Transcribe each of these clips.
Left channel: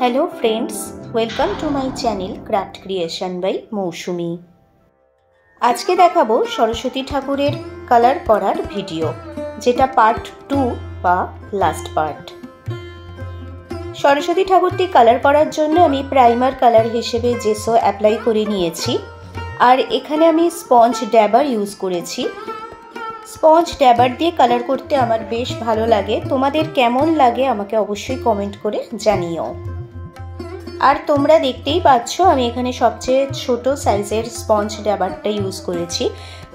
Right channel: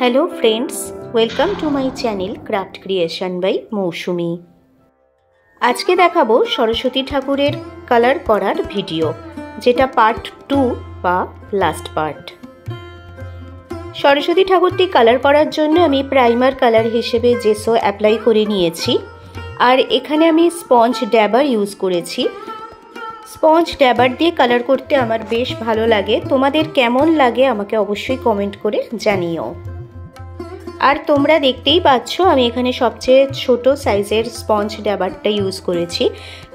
Hello friends, welcome to my channel craft creation by Mousumi. আজকে দেখাবো সরস্বতী ঠাকুরের কালার করার ভিডিও, যেটা পার্ট 2 বা লাস্ট পার্ট। সরস্বতী ঠাকুরটি কালার করার জন্য আমি প্রাইমার কালার হিসেবে জেসো অ্যাপ্লাই করে নিয়েছি, আর এখানে আমি স্পঞ্জ ড্যাবার ইউজ করেছি। স্পঞ্জ ড্যাবার দিয়ে কালার করতে আমার বেশ ভালো লাগে। তোমাদের কেমন লাগে আমাকে অবশ্যই কমেন্ট করে জানিও। আর তোমরা দেখতেই পাচ্ছ আমি এখানে সবচেয়ে ছোট সাইজের স্পঞ্জ ড্যাবারটা ইউজ করেছি,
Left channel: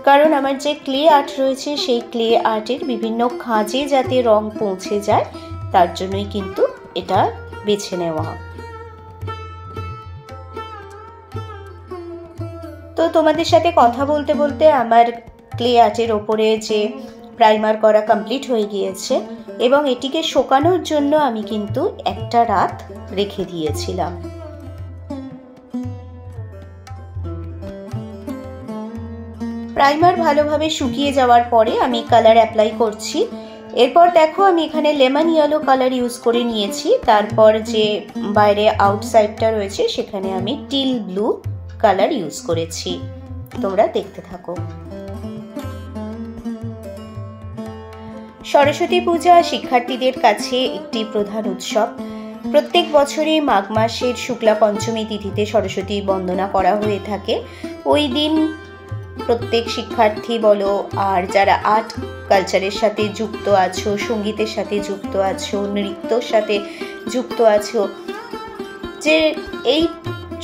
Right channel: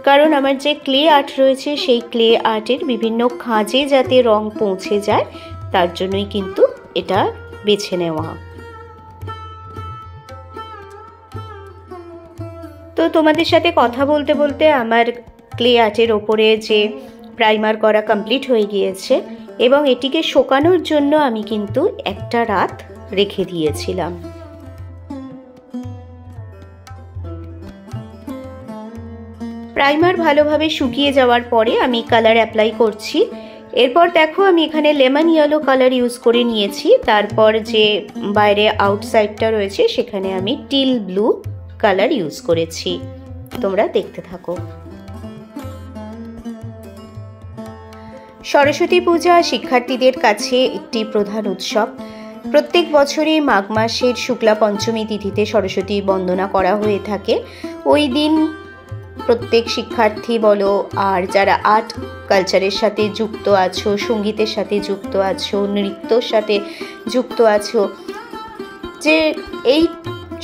কারণ আমার যে ক্লে আর্ট রয়েছে সেই ক্লে আর্টের বিভিন্ন খাঁজে যাতে রং পৌঁছে যায় তার জন্যই কিন্তু এটা বেছে নেওয়া। তো তোমাদের সাথে কথা বলতে বলতে আমার ক্লে আর্টের ওপরে যে প্রাইমার করা কমপ্লিট হয়ে গিয়েছে, এবং এটিকে শুকানোর জন্য আমি কিন্তু একটা রাত রেখে দিয়েছিলাম। প্রাইমার ভালোভাবে শুকিয়ে যাওয়ার পরে আমি কালার অ্যাপ্লাই করছি। এরপর দেখো আমি এখানে লেমন ইয়েলো কালার ইউজ করে নিয়েছি। তারপর যে বাইরে আউটসাইডটা রয়েছে সেখানে আমি টিল ব্লু কালার ইউজ করেছি। তোমরা দেখতে থাকো। সরস্বতী পূজা শিক্ষার্থীদের কাছে একটি প্রধান উৎসব। প্রত্যেক বছরই মাঘ মাসের শুক্লা পঞ্চমী তিথিতে সরস্বতী বন্দনা করা হয়ে থাকে। ওই দিন প্রত্যেক শিক্ষার্থী বলো, আর যারা আর্ট কালচারের সাথে যুক্ত আছো, সঙ্গীতের সাথে যুক্ত আছো, নৃত্যর সাথে যুক্ত আছো, যে এই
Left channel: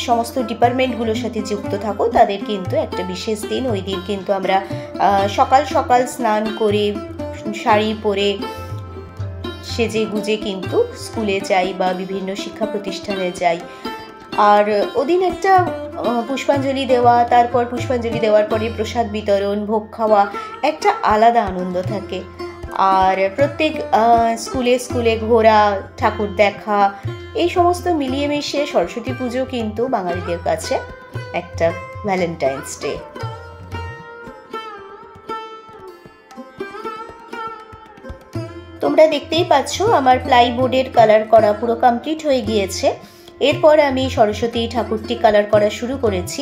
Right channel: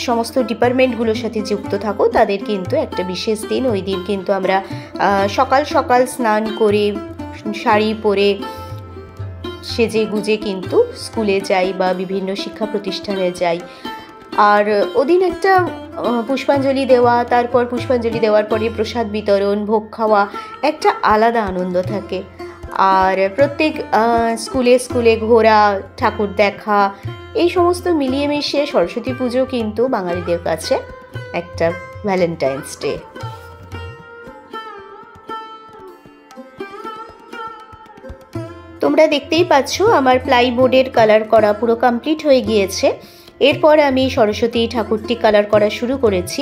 সমস্ত ডিপার্টমেন্টগুলোর সাথে যুক্ত থাকো, তাদের কিন্তু একটা বিশেষ দিন। ওই দিন কিন্তু আমরা সকাল সকাল স্নান করে শাড়ি পরে সেজে গুজে কিন্তু স্কুলে যাই বা বিভিন্ন শিক্ষা প্রতিষ্ঠানে যাই। আর ওদিন একটা পুষ্পাঞ্জলি দেওয়া, তারপর পুষ্পাঞ্জলি দেওয়ার পরে প্রসাদ বিতরণ, ভোগ খাওয়া, একটা আলাদা আনন্দ থাকে। আর প্রত্যেক স্কুলে স্কুলে ঘোরা, ঠাকুর দেখা, এই সমস্ত মিলিয়ে মিশিয়ে সরস্বতী পুজো কিন্তু বাঙালিদের কাছে একটা ভ্যালেন্টাইন্স ডে। তোমরা দেখতেই পাচ্ছ আমার প্লাইবোর্ডের কালার করা পুরো কমপ্লিট হয়ে গিয়েছে। এরপর আমি সরস্বতী ঠাকুরটি কালার করা শুরু করেছি।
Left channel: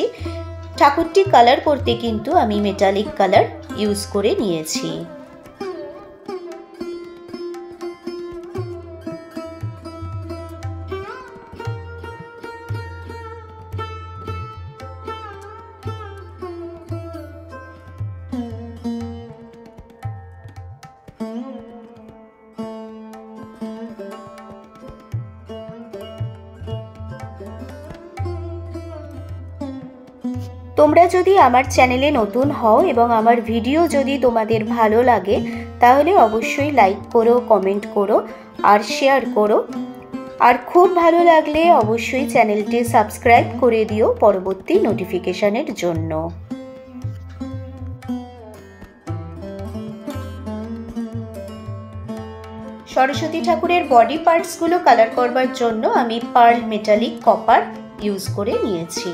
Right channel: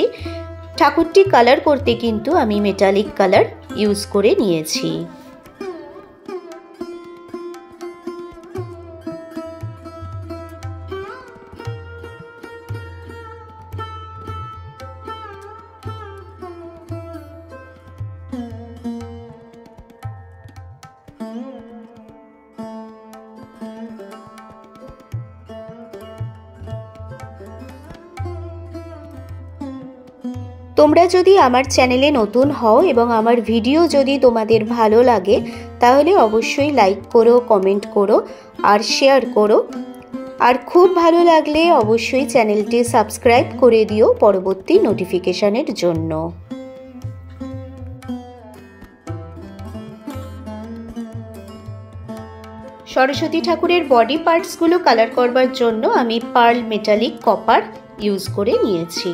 ঠাকুরটি কালার করতে কিন্তু আমি মেটালিক কালার ইউজ করে নিয়েছি। তোমরা যদি আমার চ্যানেলে নতুন হও এবং আমার ভিডিও যদি তোমাদের ভালো লাগে, তাহলে অবশ্যই লাইক করো, কমেন্ট করো আর শেয়ার করো। আর খুব ভালো লাগলে অবশ্যই চ্যানেলটি সাবস্ক্রাইব করে দিও পরবর্তী নোটিফিকেশনের জন্য। সরস্বতী ঠাকুরের বডি পার্টসগুলো কালার করবার জন্য আমি পার্ল মেটালিক কপার ইউজ করে নিয়েছি।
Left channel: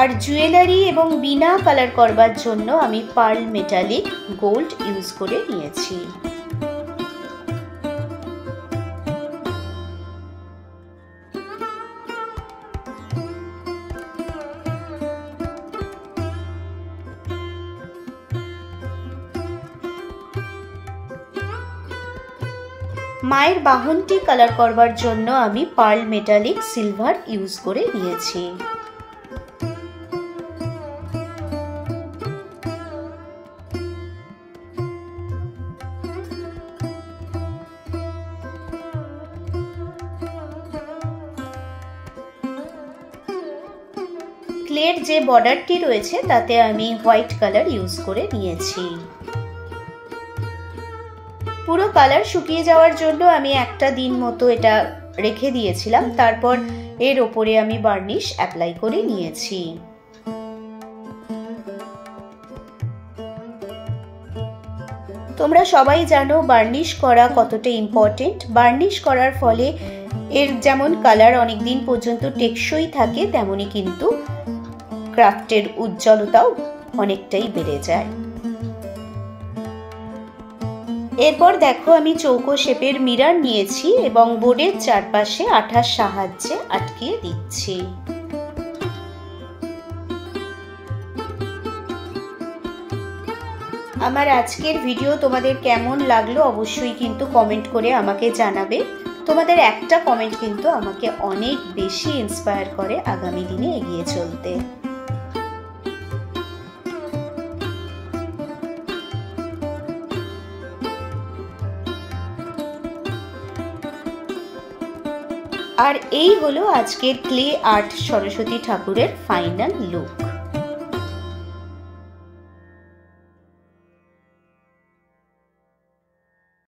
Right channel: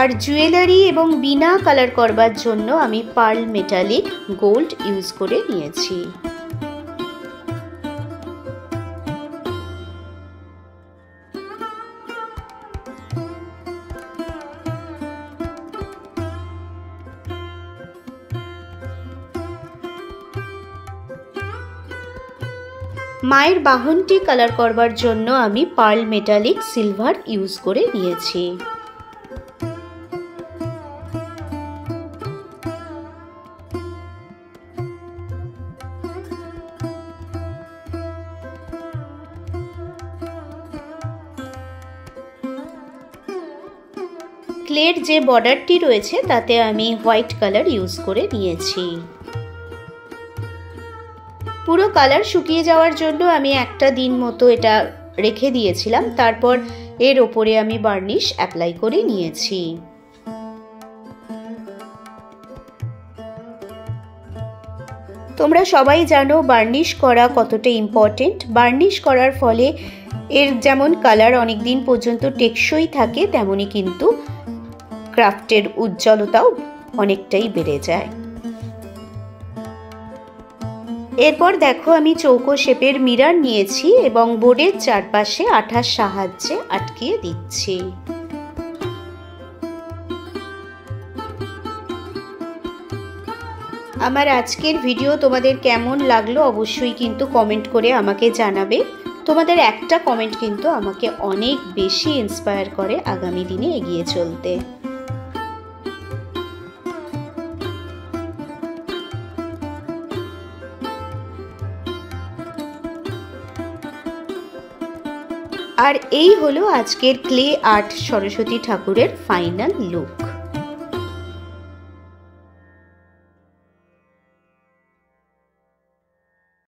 আর জুয়েলারি এবং বিনা কালার করবার জন্য আমি পার্ল মেটালিক গোল্ড ইউজ করে নিয়েছি। মায়ের বাহনটি কালার করবার জন্য আমি পার্ল মেটালিক সিলভার ইউজ করে নিয়েছি। ক্লের যে বর্ডারটি রয়েছে তাতে আমি হোয়াইট কালার ইউজ করে নিয়েছি। পুরো কালার শুকিয়ে যাওয়ার জন্য আমি একটা দিন মতো এটা রেখে দিয়েছিলাম। তারপর এর ওপরে আমি বার্নিশ অ্যাপ্লাই করে নিয়েছি। তোমরা সবাই জানো বার্নিশ করা কতটা ইম্পর্টেন্ট। বার্নিশ করার ফলে এর যেমন কালার অনেক দিন পর্যন্ত টেকসই থাকে, তেমনি কিন্তু ক্রাফটের উজ্জ্বলতাও অনেকটাই বেড়ে যায়। এরপর দেখো আমি চৌকো শেপের মিরর নিয়েছি এবং বোর্ডের চারপাশে আঠার সাহায্যে আটকিয়ে দিচ্ছি। আমার আজকের ভিডিও তোমাদের কেমন লাগলো অবশ্যই কিন্তু কমেন্ট করে আমাকে জানাবে। তোমাদের একটা কমেন্ট কিন্তু আমাকে অনেক বেশি ইন্সপায়ার করে আগামী দিনে এগিয়ে চলতে। আর এই হলো আজকের ক্লে আর্ট সরস্বতী ঠাকুরের ফাইনাল লুক।